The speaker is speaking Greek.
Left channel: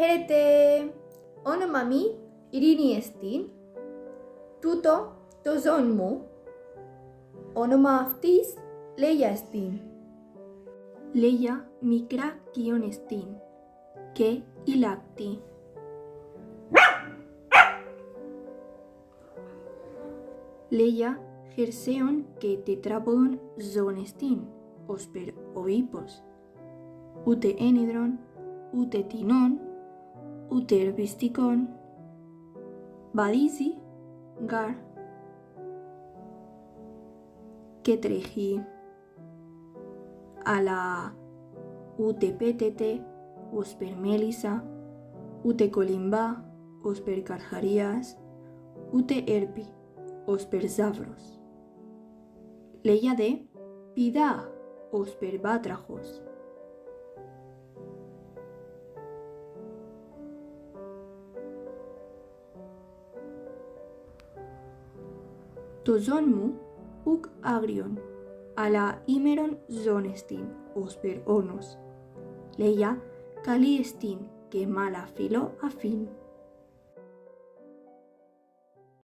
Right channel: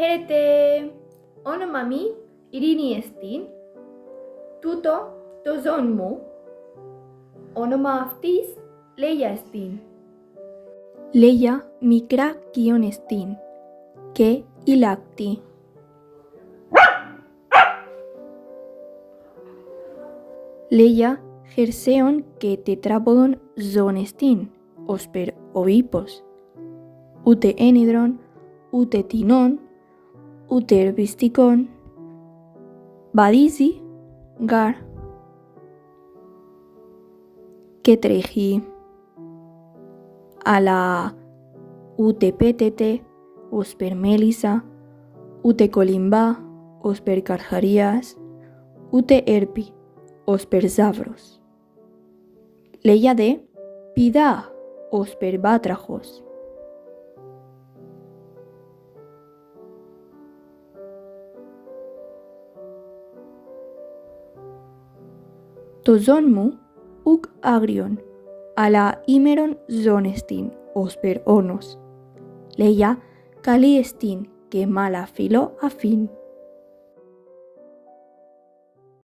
Χαίρετε! Όνομα Ειρήνη εστίν. Τούτο το ζών μου. Όνομα αυτής Λέια εστίν. Λέια μικρά κοιόν εστίν και η λάκτη. Λέια χερσαίων και τετράποδων ζώων εστίν, ώσπερ ο ύπος. Ούτε ένιδρον, ούτε τινών, ούτε ερπιστικών. Βαδίζει γαρ και τρέχει, αλλά ούτε πέτεται ώσπερ μέλισσα, ούτε κολυμπά ώσπερ καρχαρίας, ούτε έρπει ώσπερ ζάβρος. Λέια δε πηδά ώσπερ βάτραχος. Το ζών μου ουκ άγριον, αλλά ήμερον ζών εστίν, ώσπερ όνος. Λέια καλή εστίν και μάλα φιλό αφήν.